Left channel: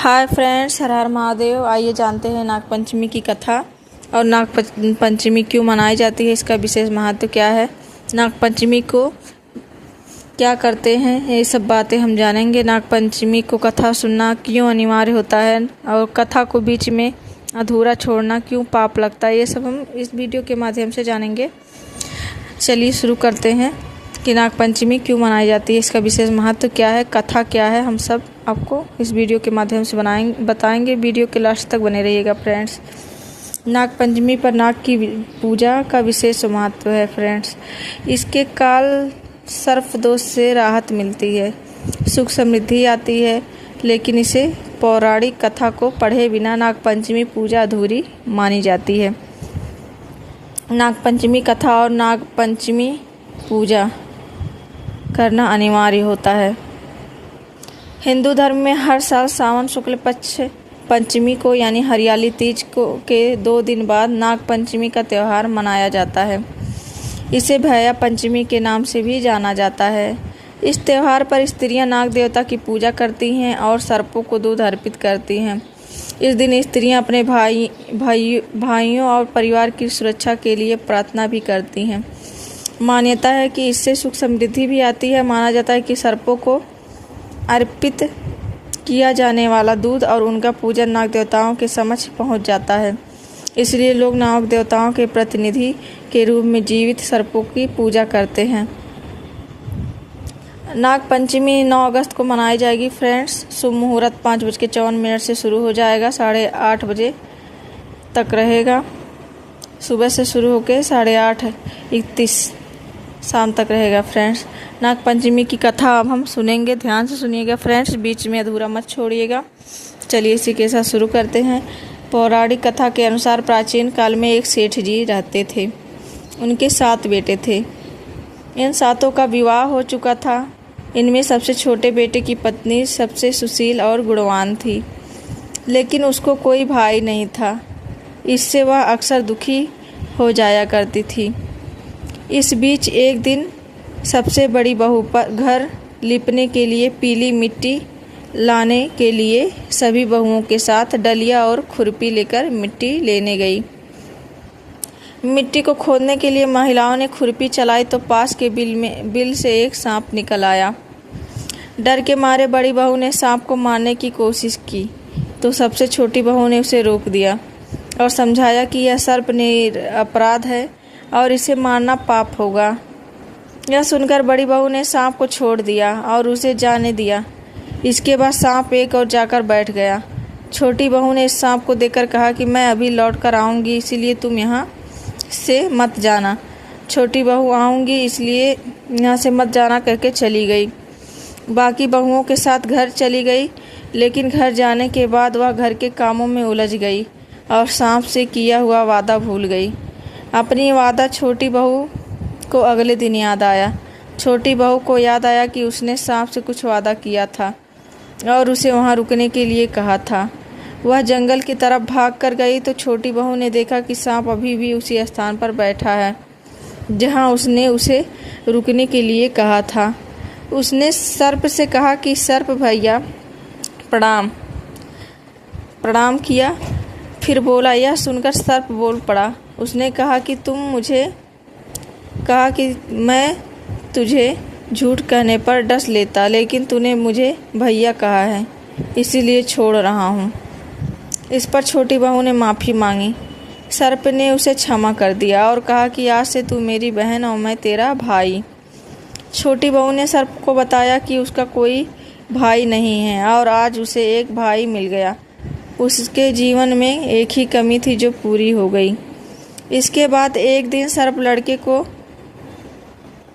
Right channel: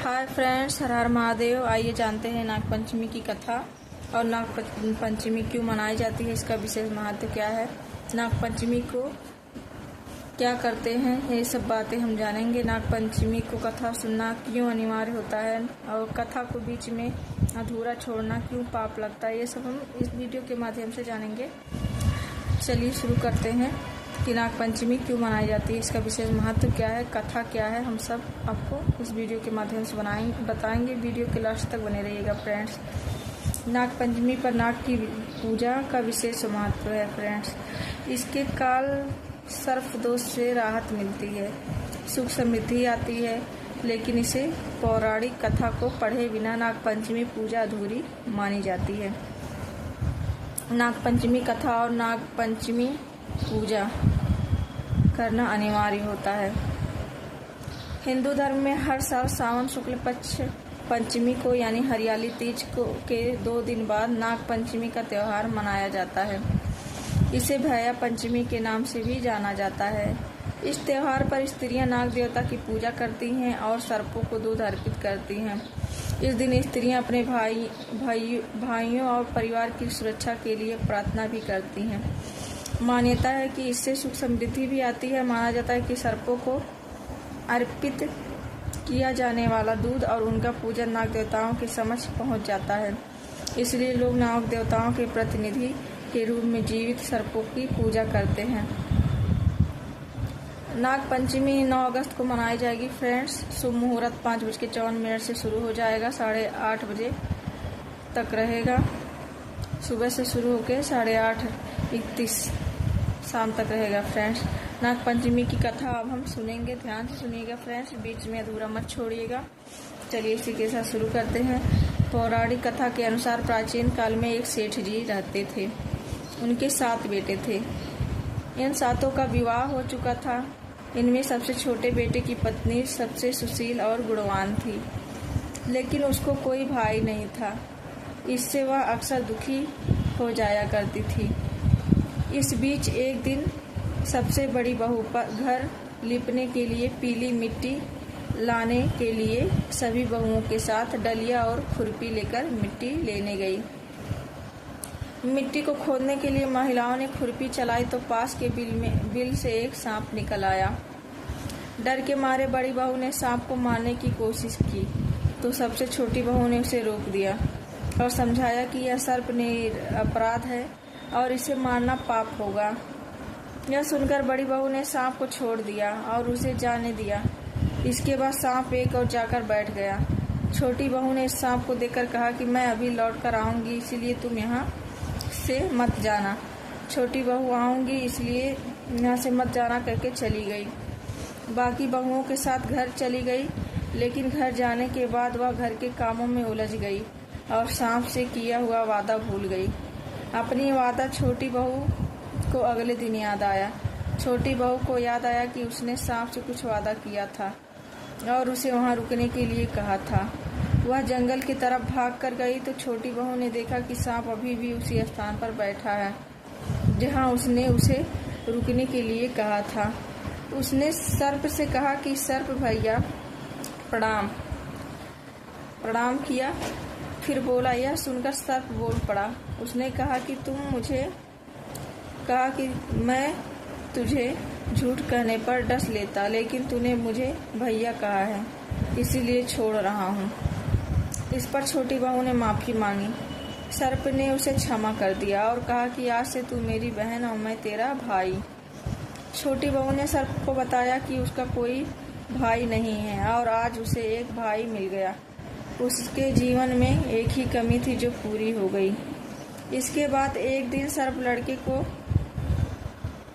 Hi friends, हर हर महादेव। आइए जानते हैं नागपंचमी की कथा और नागपंचमी क्यों मनाई जाती है, इसका विशेष महत्व क्या है, नागपंचमी को क्या करते हैं, ये सब बातें हम जानेंगे। नागपंचमी को कथा सुनना क्यों अनिवार्य होता है और कथा को बीच में अधूरा छोड़ना क्यों पाप लगता है, ये सब हम इस वीडियो के माध्यम से जानेंगे। चलिए शुरू करते हैं कि नागपंचमी क्यों मनाई जाती है, इसका विशेष महत्व क्या है, कथा क्या है, हम सब आपको इस वीडियो के माध्यम से बताएंगे। वीडियो के लास्ट तक बने रहिएगा फ्रेंड्स। नागपंचमी पर नाग की पूजा का विशेष महत्व है फ्रेंड्स। इसके काल सर्प दोष से राहत मिलती है, सुख समृद्धि आती है, लेकिन इसे पौराणिक कथा को पढ़े बिना नागपंचमी पूजा अधूरी मानी जाती है। नागपंचमी कथा और नागपंचमी पूजा करना अनिवार्य होता है। हिंदू धर्म में हर साल सावन शुक्ल पक्ष पंचमी को यानी हरियाली तीज को के 2 दिन बाद नागपंचमी का त्यौहार मनाया जाता है। इसे भैया पंचमी के नाम से भी जाना जाता है। इस त्यौहार पर स्त्रियां नाग देवता की पूजा करती हैं और सर्पों को दूध अर्पित करती हैं। इस दिन स्त्रियां अपने भाइयों और परिवार की सुरक्षा के लिए प्रार्थना भी करती हैं। मान्यता है कि इससे सुख समृद्धि भी आती है। माना जाता है कि सर्पों को अर्पित किया जाने वाला दूध और उनका पूजन नाग देवताओं के समक्ष पहुंच जाता है, इसलिए लोग नाग देवताओं के प्रतिनिधि के रूप में जीवित सर्पों की पूजा करते हैं। नागपंचमी 9 अगस्त को मनाई जाएगी फ्रेंड्स। शुभ मुहूर्त 5:54 से शुरू हो जाएगा, 8:30 बजे तक रहेगा। सुबह से शुरू होकर 8:31 शाम तक रहेगा फ्रेंड्स। नागपंचमी की कथा अब हम सुनेंगे, ध्यान से सुनिएगा फ्रेंड्स, बीच में अधूरा मत छोड़िएगा। चलिए इसी के साथ शुरू करते हैं। पौराणिक कथा के अनुसार प्राचीन काल में एक सेठ जी रहते थे। उनके 7 बेटे थे। इन 7 का विवाह हो चुका था। इनमें सबसे छोटे बेटे की पत्नी सबसे सुशील और गुणवान थी, लेकिन उसको कोई भाई नहीं था। इससे वह अक्सर दुखी हो जाया करती थी। इस बीच एक दिन सबसे बड़ी बहू पर घर लिपने के लिए पीली मिट्टी लाने के लिए सभी बहुओं के साथ डलिया और खुरपी लेकर मिट्टी लेने गई। मिट्टी को खोदने के लिए महिलाओं ने खुरपी चलाई तो पास के बिल से एक सांप निकल आया। डर के मारे बड़ी बहू ने सांप को मारने की कोशिश की तो सबसे छोटी बहू ने उसे रोक दिया और समझाया कि यह सर्प अपराध है और इसे मारना पाप होगा। यह सुनकर बड़ी बहू ने सांप को छोड़ दिया और उसे जाने दिया। इसके बाद सांप एक और जाकर बैठ गया। छोटी बहू ने इस सांप को देखकर कहा कि मैं अभी लौट कर आऊँगी, इसीलिए तुम यहाँ से मत जाना। छोटी बहू आऊँगी इसलिए यहाँ से मत जाना करके चली गई। बाकी बहुओं के साथ घर चली गई, लेकिन घर जाने के बाद वह घर के कामों में उलझ गई और सांप से किया हुआ वादा भूल गई। अपनी वादा छोटी बहू को अगले दिन याद आया। छोटी बहू को याद आया कि उसने सांप से कुछ वादा किया था और उसे वहां रुकने के लिए कहा था। वह जंगल की तरफ भाग कर गई तो छोटी बहू ने देखा कि सांप अभी भी उसी स्थान पर बैठा है जहां उसने उसे रुकने के लिए कहा था। उसने सर्प से कहा कि सर्प भैया प्रणाम। प्रणाम किया, फिर बोला। यह सुनकर सर्प बोल पड़ा। उसने कहा कि मैं तुझे झूठ कहने पर डस लेता, लेकिन तूने मुझे भैया कहा है, इसीलिए छोड़ रहा हूँ। इस पर छोटी बहू ने माफ़ी मांगी। सर्प ने उसे क्षमा कर दिया और कहा कि आज से तू मेरी बहन और मैं तेरा भाई। छोटी बहू ने सर्प को बताया कि उसका कोई भाई नहीं है और आज उसे एक भाई मिल गया। उसके जीवन में एक ही कमी थी जो पूरी हो गई। इसके बाद एक दिन सर्प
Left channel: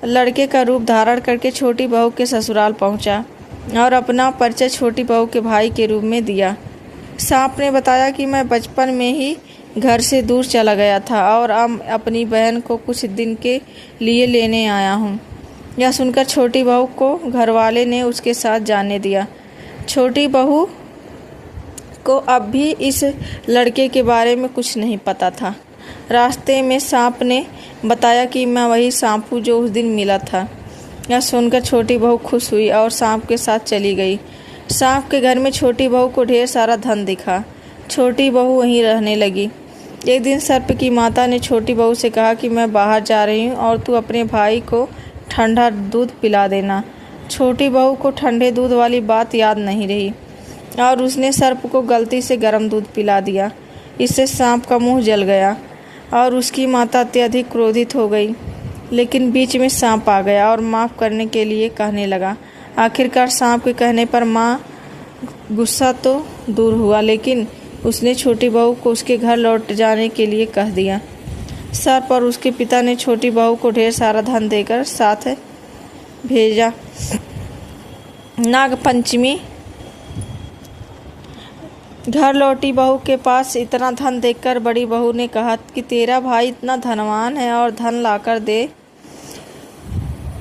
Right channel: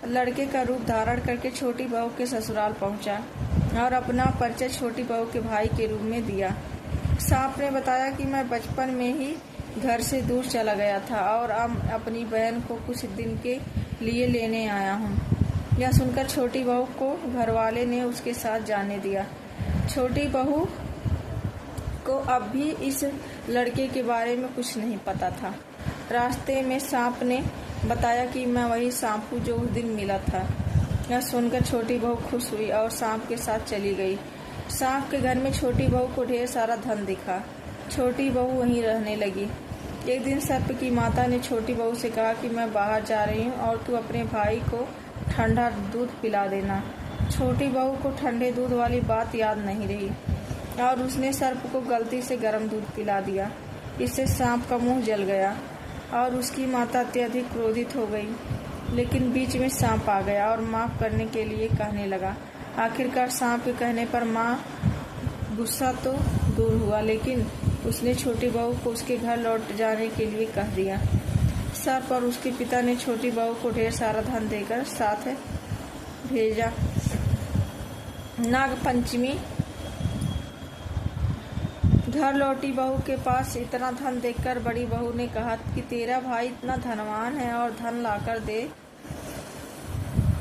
लड़के का रूप धारण करके छोटी बहू के ससुराल पहुंचा और अपना परिचय छोटी बहू के भाई के रूप में दिया। सांप ने बताया कि मैं बचपन में ही घर से दूर चला गया था और अब अपनी बहन को कुछ दिन के लिए लेने आया हूँ। यह सुनकर छोटी बहू को घरवाले ने उसके साथ जाने दिया। छोटी बहू को अब भी इस लड़के के बारे में कुछ नहीं पता था। रास्ते में सांप ने बताया कि मैं वही सांप हूँ जो उस दिन मिला था। यह सुनकर छोटी बहू खुश हुई और सांप के साथ चली गई। सांप के घर में छोटी बहू को ढेर सारा धन दिखा। छोटी बहू वहीं रहने लगी। एक दिन सर्प की माता ने छोटी बहू से कहा कि मैं बाहर जा रही हूँ और तू अपने भाई को ठंडा दूध पिला देना। छोटी बहू को ठंडे दूध वाली बात याद नहीं रही और उसने सर्प को गलती से गर्म दूध पिला दिया। इससे सांप का मुंह जल गया और उसकी माता अत्यधिक क्रोधित हो गई। लेकिन बीच में सांप आ गया और माफ़ करने के लिए कहने लगा। आखिरकार सांप के कहने पर माँ गुस्सा तो दूर हुआ, लेकिन उसने छोटी बहू को उसके घर लौट जाने के लिए कह दिया। सर्प और उसके पिता ने छोटी बहू को ढेर सारा धन देकर साथ भेजा। नागपंचमी। घर लौटी बहू के पास इतना धन देखकर बड़ी बहू ने कहा कि तेरा भाई इतना धनवान है और धन लाकर दे।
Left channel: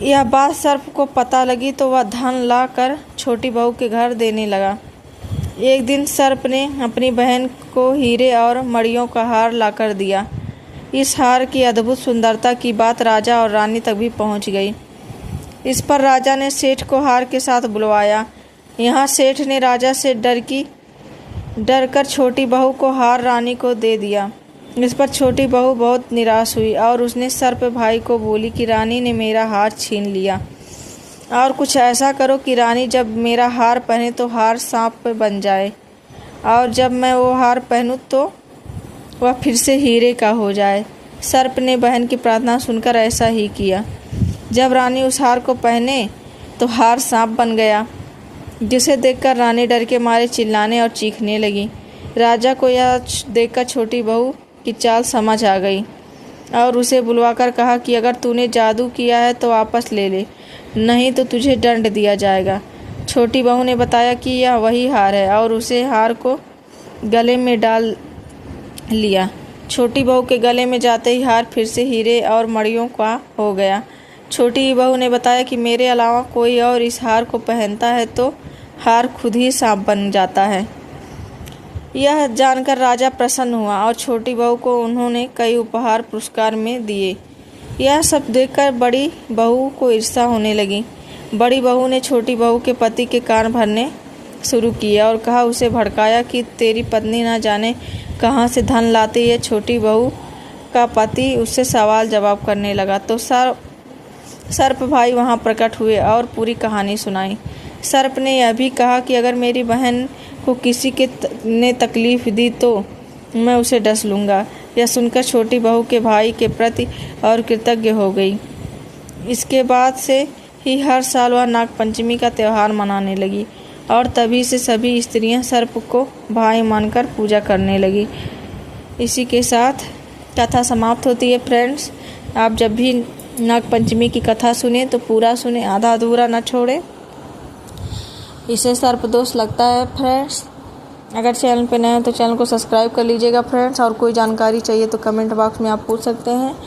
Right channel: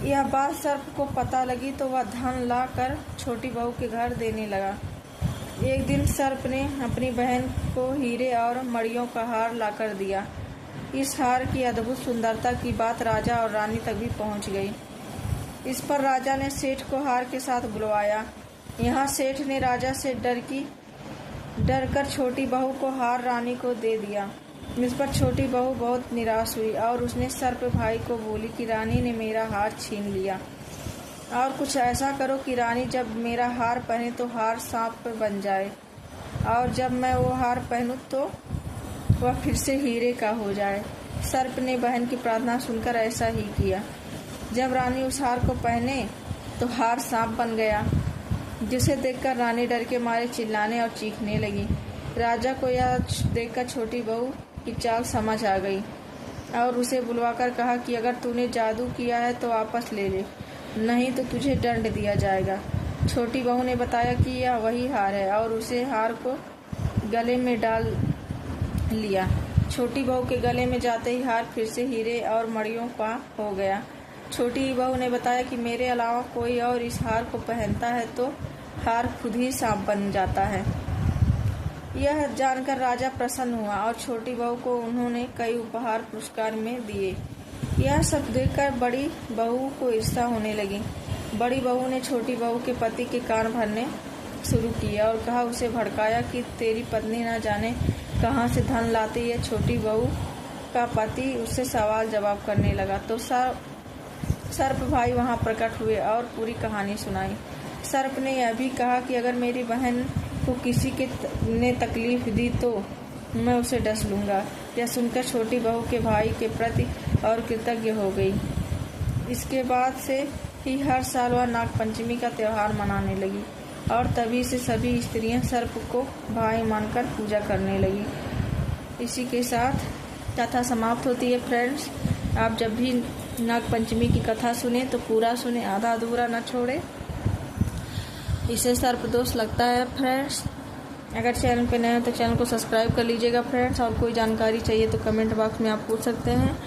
यह बात सर्प को पता लगी तो वह धन लाकर छोटी बहू के घर देने लगा। एक दिन सर्प ने अपनी बहन को हीरे और मणियों का हार लाकर दिया। इस हार की अद्भुत सुंदरता की बात राजा और रानी तक भी पहुंच गई। इस पर राजा ने सेठ को हार के साथ बुलवाया। यहाँ सेठ ने राजा से डर कर छोटी बहू को हार रानी को दे दिया। इस पर छोटी बहू बहुत निराश हुई और उसने सर्प भाई को बोली कि रानी ने मेरा हार छीन लिया और कुछ ऐसा करो कि रानी जब मेरा हार पहने तो हार सांप पे बन जाए और जब मैं वो हार पहनूं तो वह फिर से हीरे का हो जाए। सर्प ने बहन की प्रार्थना सुनकर ऐसा ही किया। जब रानी उस हार को पहने तो हार सांप बन गया, जिसे देखकर रानी डर के मारे चिल्लाने और चीखने लगी। राजा को यह देखकर छोटी बहू की चाल समझ आ गई और उसे बुलवाकर कहा कि अगर तूने जादू किया है तो वापस ले ले, नहीं तो तुझे दंड दिया जाएगा। छोटी बहू ने बताया कि यह वही हार है और उसे हार को गले में डाल लिया। छोटी बहू के गले में जाते ही हार फिर से हीरे और मणियों का हो गया। छोटी बहू ने बताया कि मेरे अलावा कोई और इस हार को पहनता है तो हार खुद ही सांप बन जाता है। यह जानकर राजा प्रसन्न हुआ और छोटी बहू को उन्होंने कई उपहार पुरस्कार में दिए। यह सब देखकर बड़ी बहू को ईर्ष्या होने लगी। बड़ी बहू ने छोटी बहू के पति के कान भरने शुरू किया और कहा, उसे भड़काया कि तेरी पत्नी न जाने कहाँ से धन लाती है। छोटी बहू का पति उससे सवाल जवाब करने लगा तो सर्प भाई वहाँ प्रकट हुए और पूरी कहानी सुनाई। सर्प ने यह भी कहा कि अगर मेरी बहन को किसी ने तकलीफ़ दी तो मैं उसे डस लूँगा। यह सुनकर छोटी बहू के भाई के प्रति और कृतज्ञ हो गई। इसके बाद से ही हर साल वह नागपंचमी का त्यौहार मनाने लगी और तभी से सभी स्त्रियां सर्प को भाई मानकर पूजा करने लगी। इसी के साथ कथा समाप्त होती है। फ्रेंड्स, आप जब भी नागपंचमी की कथा सुने तो पूरा सुने, आधा अधूरा न छोड़े, इसे सर्प दोष लगता है। फ्रेंड्स, अगर चैनल पे नए हो तो चैनल को सब्सक्राइब कर लीजिएगा फ्रेंड्स, और कोई जानकारी चाहिए तो कमेंट बॉक्स में आप पूछ सकते हैं।